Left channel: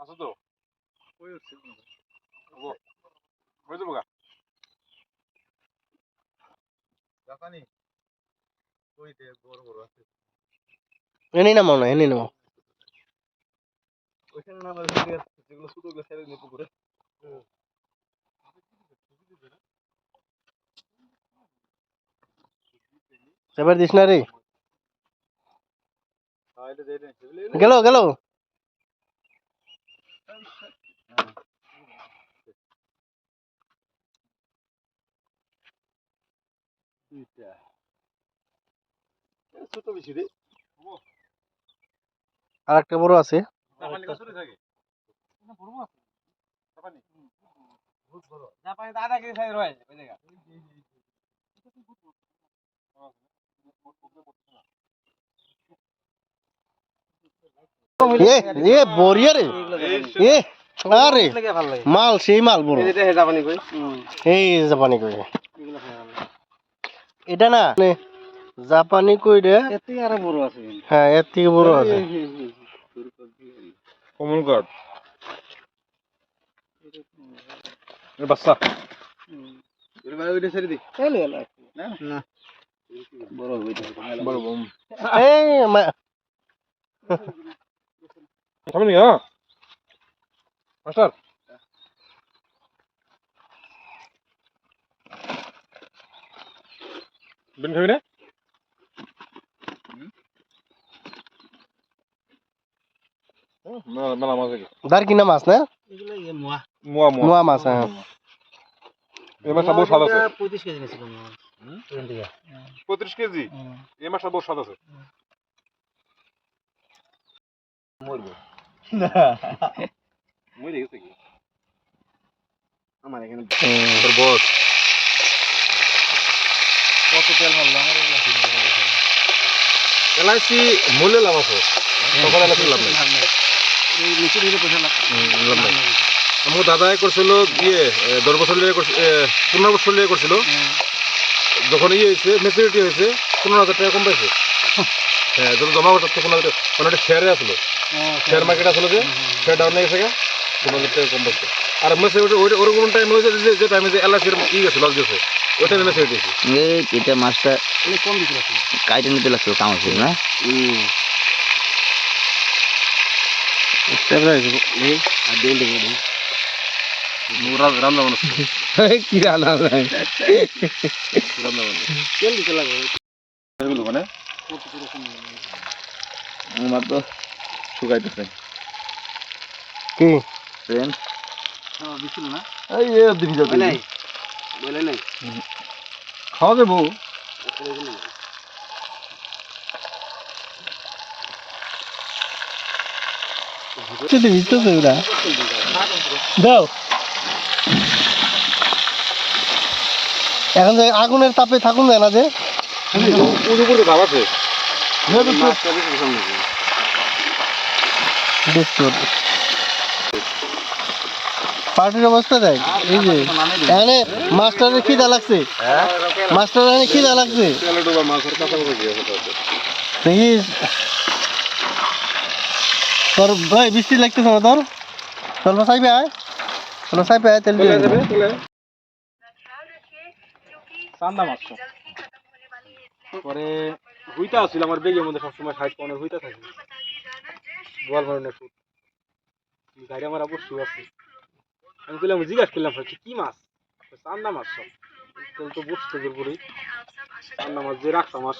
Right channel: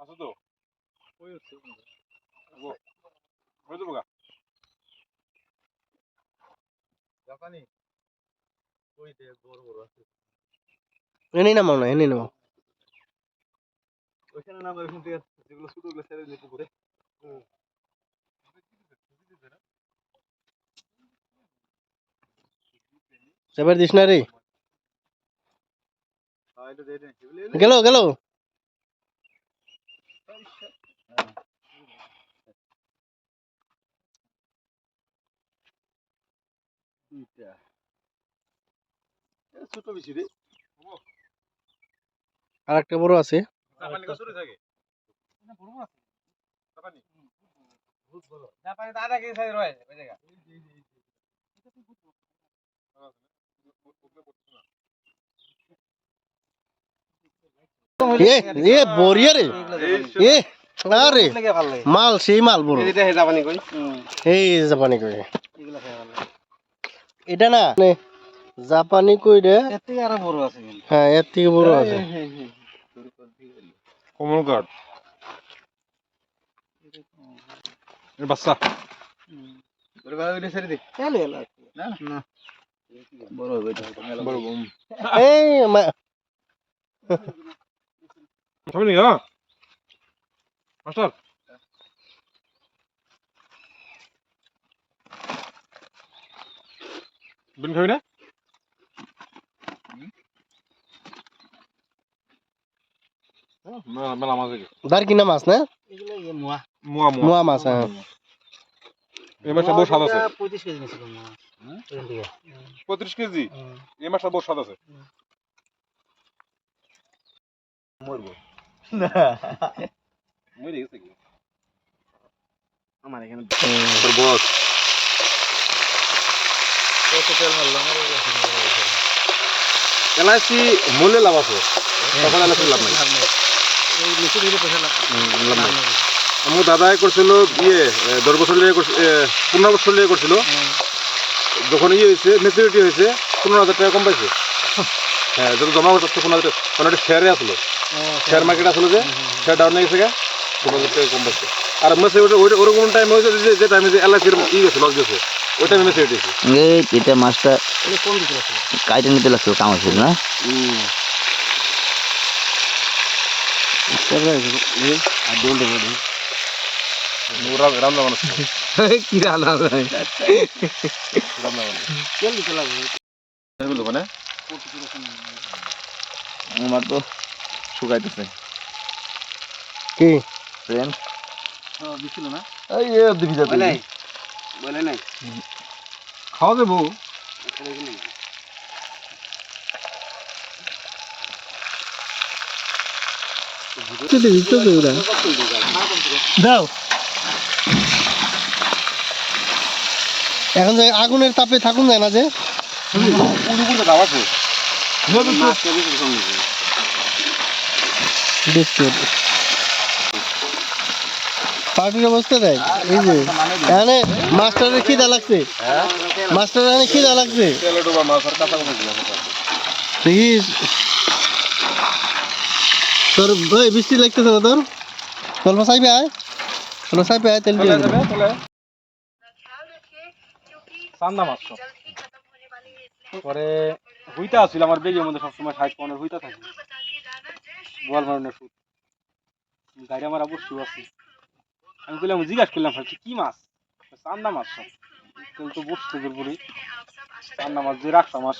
আছো তো ওই হচ্ছে হয়ে যাবো গা জাপানি ওই দে বড় বড় আছে এনে নামাও না এনে নামাও ওইখানে নাম ওইখানে যেগুলো ছোট গুলো ছেড়ে দিই পুকুরে এবার দিস না রে এটা দে দে গেল গেল ছোট বেশি রে আর একটা বড় আছে জাপানি কত ছোট থাকে না বড় আছে জাপানি বহুত বড় জাপানি তো আধা কেজি সাইজ রয়েছে ওই জায়গা এ এ বড়িয়া রে এ আরে মাল সেই মাল বড় জাপানি কই এই জাপানি কই এটা না মানে জাপানি কই রে এর থেকে আরো বড় আছে হ্যাঁ এর থেকে বড় আছে কমল কাট এ বাচ্চা ওরে ভাই ওইটা ছেড়ে দে না না বড় হবে এটা বড় এই খাবেন না মাস্টার বিন খাবি না মেলা মাছ দেখে দার কিনা মাছ না এগুলো মোয়া মুয়া মুয়া মোয়া মাছ হ্যাঁ এই মাছটা বহু স্বাদ আছে 25 কেজি নিছিল মোয়া এখান থেকে 35 কেজি এই মাছটা বহু স্বাদ আছে মরবো না মরে গেছে কি আমার এখানে তোর বস কত তেল মারলাম এলআইসি মূল্যে লাভ আছে তখন এলআইসি লাভ নেই এই নিচে দিলে পয়সা লাভ আমার দাদাই করছিল ইয়ে 10 বছর লিয়ে 15 বছর লিয়ে করছিল যখন ইয়ে হয়েছে ম্যাচুরিটি হয়েছে 15,000 টাকা কম পাইছে হ্যাঁ যখন জমা হচ্ছে 15,000 মানে একটা শেয়ারে আসলো শেয়ার মার্কেট আসলো যে শেয়ার ডাউন হয়ে গেছে 15,000 টাকা কম পাইছে আর ম্যাচুরিটি ওরকম টাইম হয়েছে যে টাইমে যে এলআইসির ই গেছে লস গেছে ওই টাইমে ম্যাচুরিটি এই এটা মাছটা কম দিছিল কাইটে নিতে লাগছে কামাচ্ছে না আর দোল দেব রান্না বান্না কি রান্না ভাই তেল দিতে লাগে মিলবো মানে আমার তো শুকাইতেছে কি ট্রেন হ্যাঁ বিছিল না এই দিবি যাবে বলে নাই খাওয়া দেবো দাও এখন যে আগুনের তাপে থাকুন যায় না যে পুরো দাম আছে বিস্কুট পার্টির অবস্থা দেখ এই যে এখানে মাস্টারের খিদা লাগছে মাস্টার এখানে খিদা লাগছে দেখিস তোর ভাই বৃষ্টি লাগতেছে না তোর তোর সাইবে আয় তোর সাইবে আয় তেল দিয়ে দেবে চান্দা মাছ পরে হুইতা আছিল আমার বেগের মধ্যে সবসময় 60-15 হুইতা থাকে বল ধরনের সুদ গাড়ি আমার আবার শু আছে আমি বললাম জিজ্ঞাসা করলাম কি মাছ চান্দা মাছ তেল তো বুঝতে পারবো চান্দা মাছ যে রাখা মাছ